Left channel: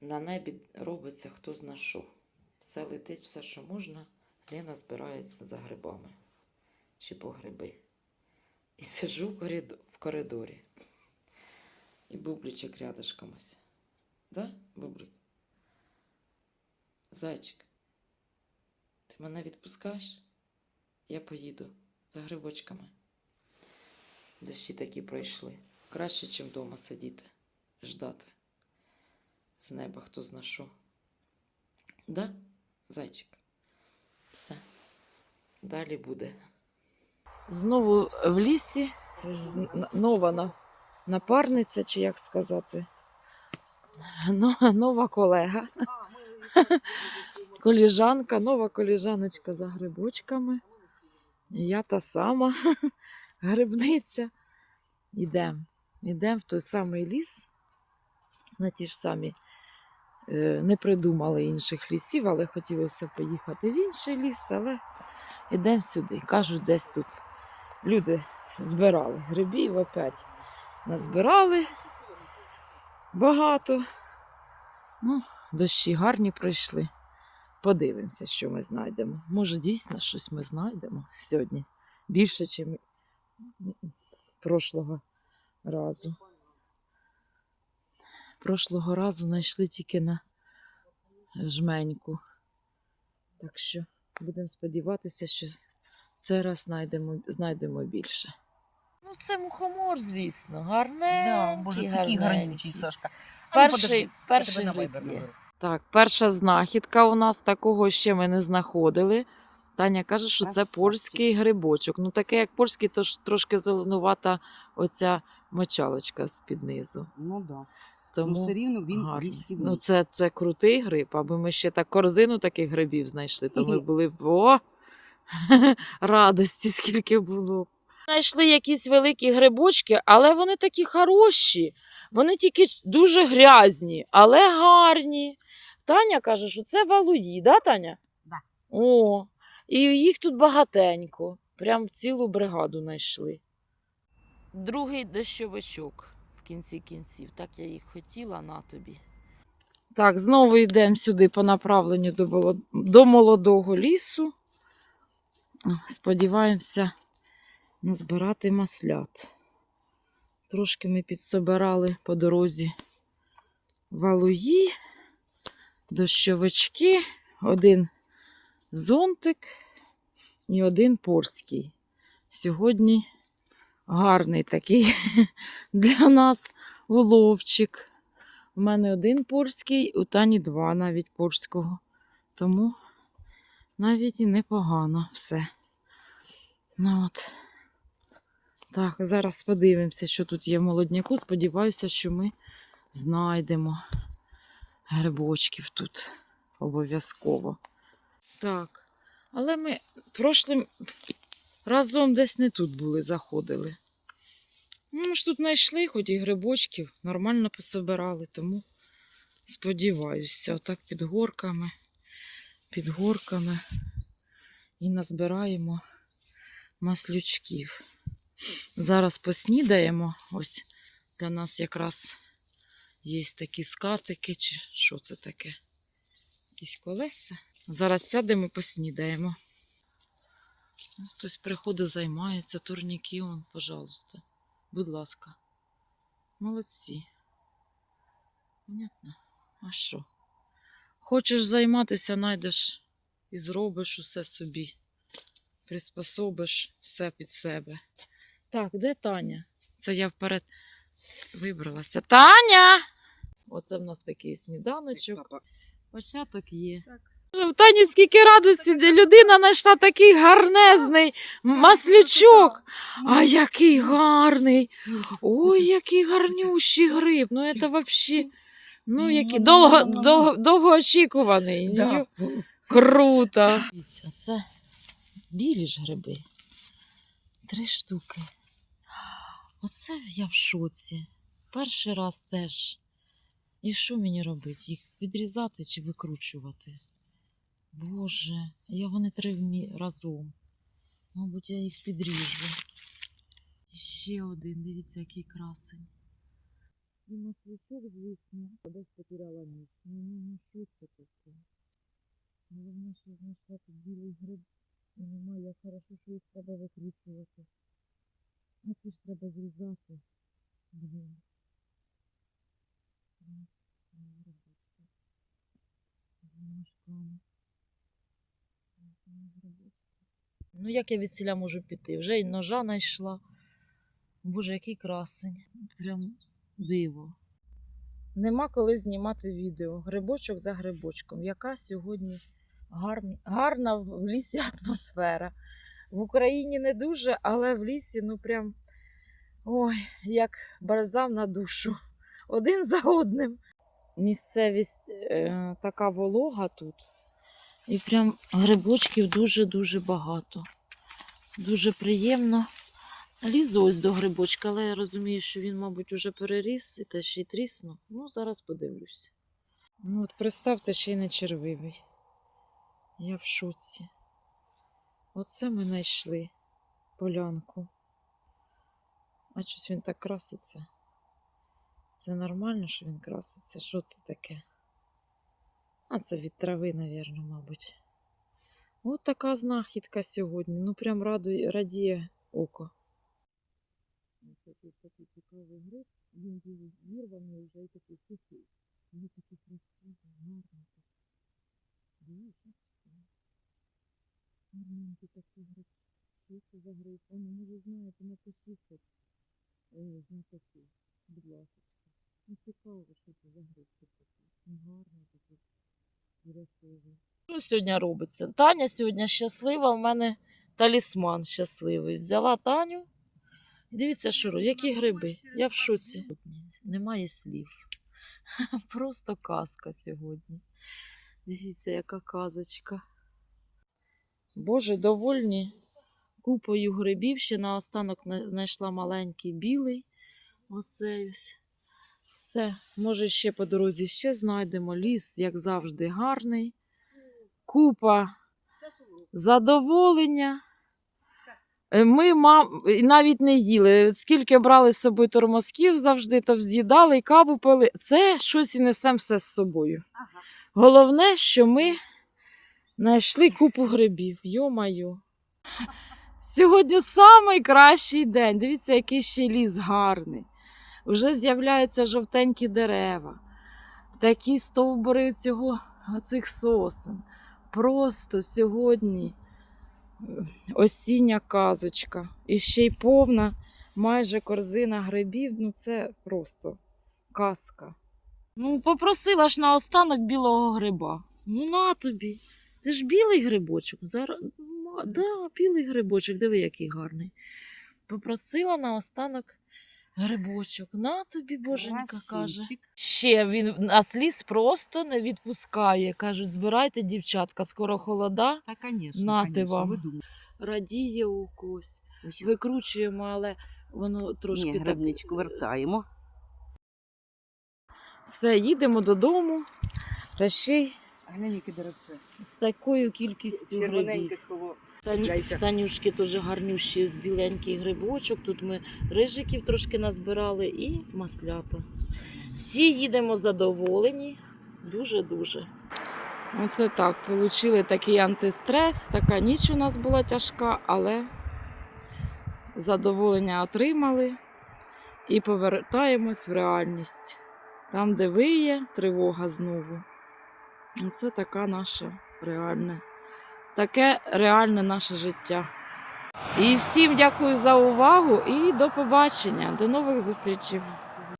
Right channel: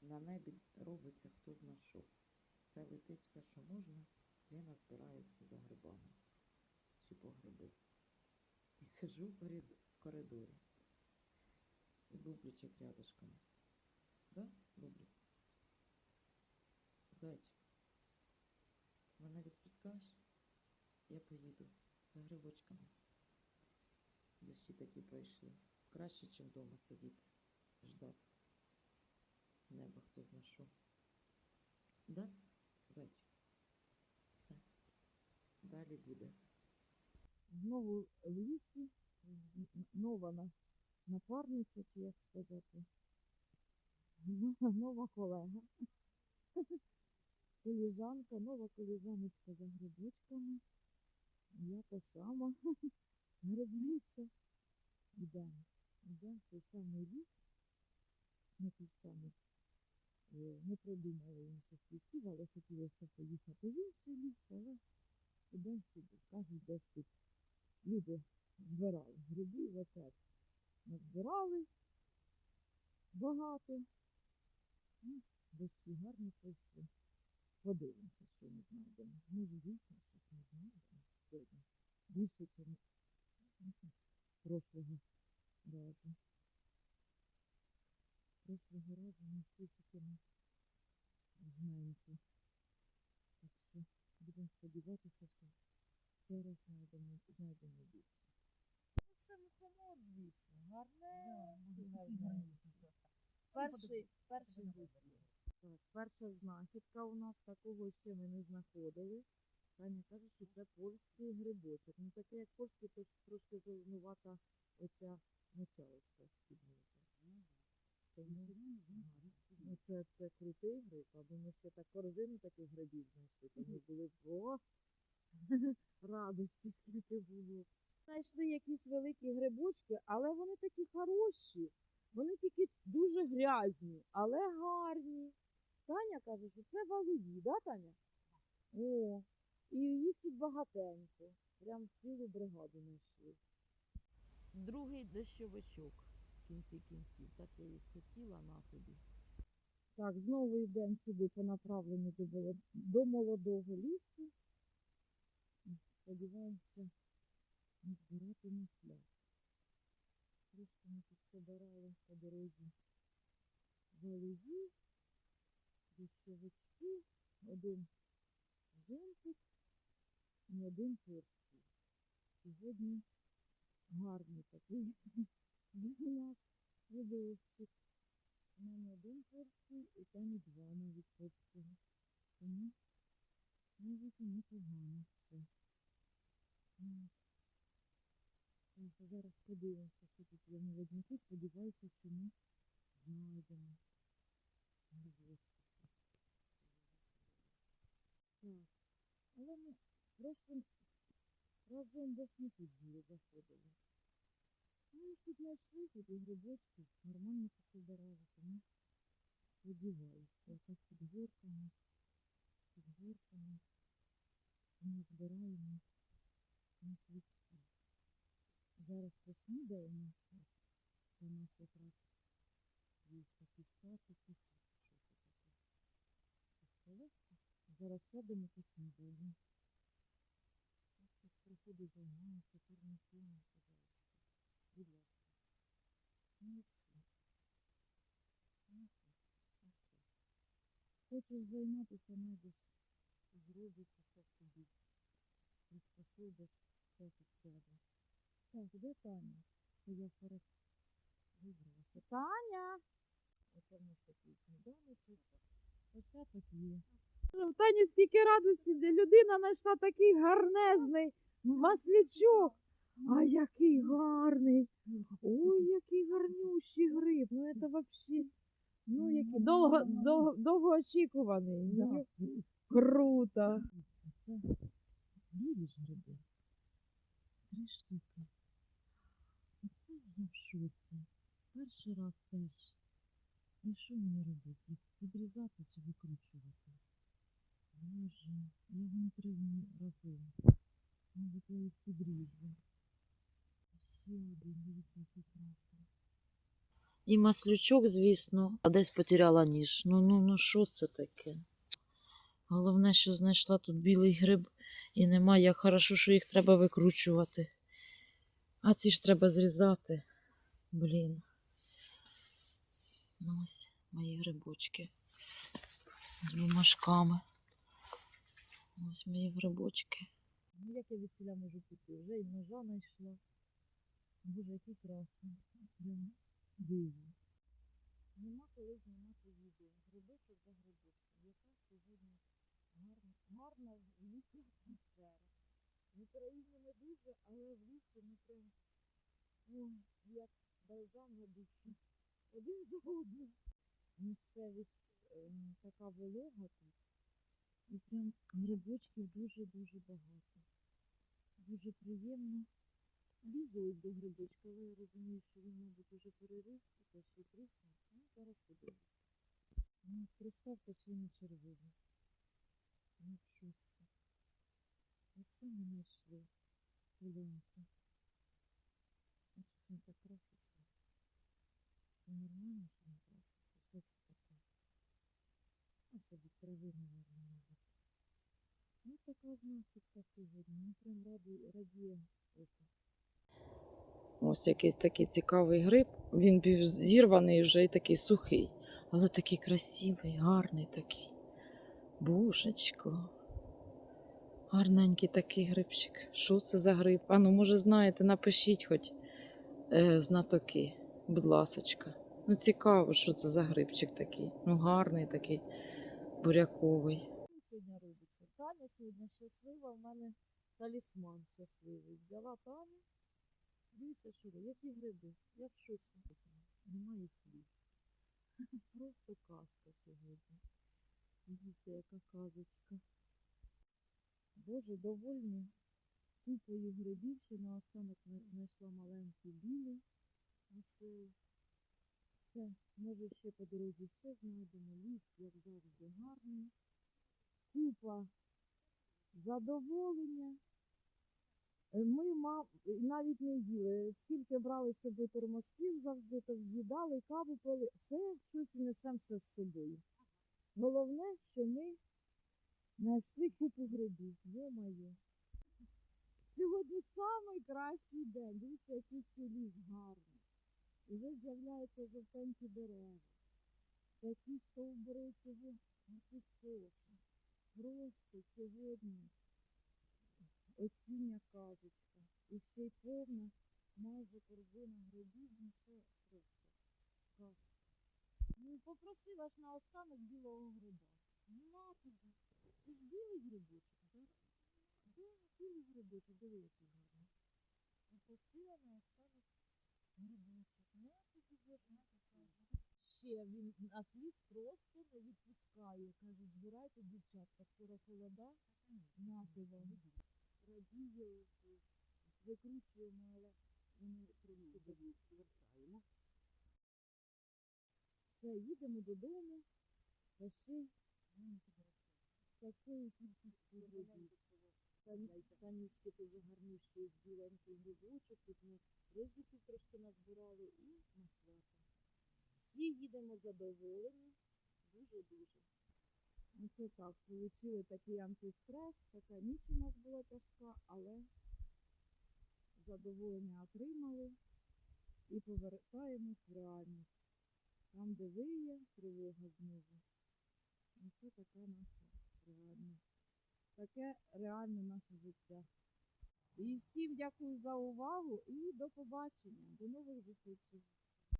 На небі робиться хто зна що. Все летить, все, що можна. Лена збирається за грибами чи по гриби. І сиджу в коридо- в коридорі. І бубличок рядышком ось. Да, бублик? Зайчик, ти мене відпускаєш? Я поїду за грибочками. Дощі такі пройшли. Краще, чим вдома сидіти, ждати. З неба хто зна що. Да, зайчик? Все. Далі буде. Знову в лісі нова напарниця, чи як сказати. Нова колега. Коліжанка, нова коліжаночка за грибочками. Я та сама грибниця. Йдемо. Йдемо в той самий ліс, на ті ж самі. Е, Не придумали інших лісів, але хотілося поїхати в інший ліс, але йдемо сюди. Кажуть, десь тут люди збирали грибів опять. Назбирали багато. Ну, дощі гарні пройшли. Подивимося, що ми знайдемо. Може, дійсно щось ми знайдемо сьогодні. Більше, ніж прошлого разу. Прошлого разу знайшли тільки на жменьку. Так що будемо сподіватися, що цей раз знайдемо, знайдемо більше. Ну, це мухомор, звісно, гарненький, Да, боже, такий гарненький. гарнючий, Сашка. Ну, Перший, подожди, перший є. Так, перша знахідка у нас такого ще ми не знаходили. Таня каже, що це польський грибочок. Ну, таке, як польський, то ж трошки зеленувата оця мочалочка з-під низу. Ну да. Тому ну все рівно він гарний. вісім. Ну, це, це крутий гриб, аби ми ще так корзину таких грибів знайшли, то ми були б о, радості, скільки було. Знайшли якісь великі грибочки, але вони такі хороші. Вони тільки дуже грязні, але гарні. Таня каже, що це валуї, да, Таня? Да. О, і їх тут багатенько. Прям цілу бригаду знайшли. Другий дощовичок кінці кінців. Так я їх хотіла на тобі. Так, знову йдемо сюди по направленню до, до молодого лісу. Сподіваємося назбирати маслят. Трошки ми підсобирали по дорозі валуї, дощовички, один зонтик і один порський. Сьогодні гарний такий для нас уловчик. У мене один порський, у Тані два навіть порського. Тому навіть і непогано все. Ну от. Так, зараз подивимося, що тут є в молодняку. Сподіваюся, що ми знайдемо грибочків тут обов'язково. Так, але ми прошлим разом десь не тут були, заходили. Ну, ми ж тут знайшли, хоч і грибочків, нормально пособирали, тому сподіваюся, отак під горками, під горками і назбираємо маслючків. Зараз поснідаємо. Ось для нас якраз є такі скатики, чи що це таке? Якісь колеса. Зараз сядемо і поснідаємо. Хтось приходить, займається, турніки, он, пожалуйста. Будь ласка. Молодці. Понятно? А що? Хочеш займатися, знайдеш і зробиш усе собі. Приспособиш все під себе. Так, де Таня? Це я вперед вибралася. Таня! Оце в нас такий сніданочок. Початок є. Так. В Тані скільки радості, людина знайшла такий гарнезний маслючок. А який гарний! Ой, який гарнющий гриб. Ну, це взагалі. Ну, який довго, довго, довгоочікуваний. Да. Круто. Це білі ж гриби. Три штуки. Оце я в шоці. Перший раз теж. І що мені робити? Їх відрізати чи викручувати? Боже, я вони три разом. Мабуть, я їх підріжу. І ще один, дивіться, який красень. І маслючок, звісно, а десь потеряла ніж. Ну, ну, ну, що це таке? Головне, що знайшла тут білий гриб і немає. Як хорошо, що їх треба викручувати. А ці ж треба зрізати. Блін. Ну, ось мої грибочки з бумажками. Ось мої грибочки. Ну, як я від ціля можу піти? Вже й ножа знайшла. Боже, який красень. Прям диво. Нема коли знімати відео. Грибочок за грибочком. Яка сьогодні гарна, гарна в лісі атмосфера. В Україні не дуже, але в лісі, ну прям ой, як бальзам на душу. Один за одним. Місцевість е, така волога тут. І прям грибочків дуже-дуже багато. Дуже приємно. Лізу ось до грибочка, але я розумію, що він, мабуть, уже переріс і те ще й тріснув. Ну, зараз подивлюсь. Ну, от представте, ще й не червивий. Я в шоці. Оце ми знайшли полянку. А щось він так краситься. Це нормально, що він краситься? Що це таке? А це від трави, навірно, мабуть. От така знахідка сьогодні. Ну, прям радує, радіє око. Ось якийсь такий цікавий гриб. Він був зірваний вже і такий сухий, але такий красивий, гарний такий. Божечко. Гарненький такий грибчик. Що це за гриб? А ну, може, знаєте, напишіть хоч е, знатоки, будь ласочка. Ну, цікаво, що це за грибчик такий. Ну, гарний такий, буряковий. Що сьогодні робиться? Таня сьогодні щаслива, в мене талісман щасливий. Взяла Таню. Дивіться, що. Які гриби? Я в шоці. Немає слів. Просто казка сьогодні. Дивіться, яка казочка. Боже, довольні купою грибів. Ще на- знайшла маленький білий. Оцей ось. Все. Може, ще по дорозі ще знайдемо. Ліс, як завжди, гарний. Купа задоволення. Е, Ми мам, навіть не їли. Скільки брали з собою тормозків завжди, то з'їдали і каву пили. Це щось і несемо все з собою. Ага. Головне, що ми знайшли купу грибів. Йо-майо. Сьогодні найкращий день. Дивіться, який ще ліс гарний. Вже з'являються жовтенькі дерева, такі стовбури цього, оцих сосен. Просто сьогодні е, осіння казочка. І ще й повна майже корзина грибів. Ну це просто казка. Ну, попросила ж наостанок білого гриба. Ну на тобі. Це ж білий грибочок. Зараз... Да, білий грибочок, диви, який гарний. Попросила наостанок грибочок. На тобі, боженька, каже. Ще він нас ліс просто не відпускає. Кажуть, збирайте, дівчатка, скоро холода. Та, конечно, Нате конечно, вам. ви думаєте. Радіє у когось. Ось, Викручуємо, але воно трошки Ні, так. грибничку вертаємо. Все, їдемо додому. Та ще й Глянь, яке деревце. з такою кількістю грибів. Червоненьке коло. Тані, Танюшки теж гарнющі, ось біленький грибочок. Тут ми рижиків трошки назбирали і маслята. Всі їдемо задоволені. Дуже-дуже. Оце так. Получили такий антистрес. Така ніч у нас була тяжка, але задоволення отримали і повертаємось в реальність. Там, де виє, тривога знову. Оце така наша реальна таке реальне наше життя. І всім дякую за увагу і до побачення. До нових зустрічей.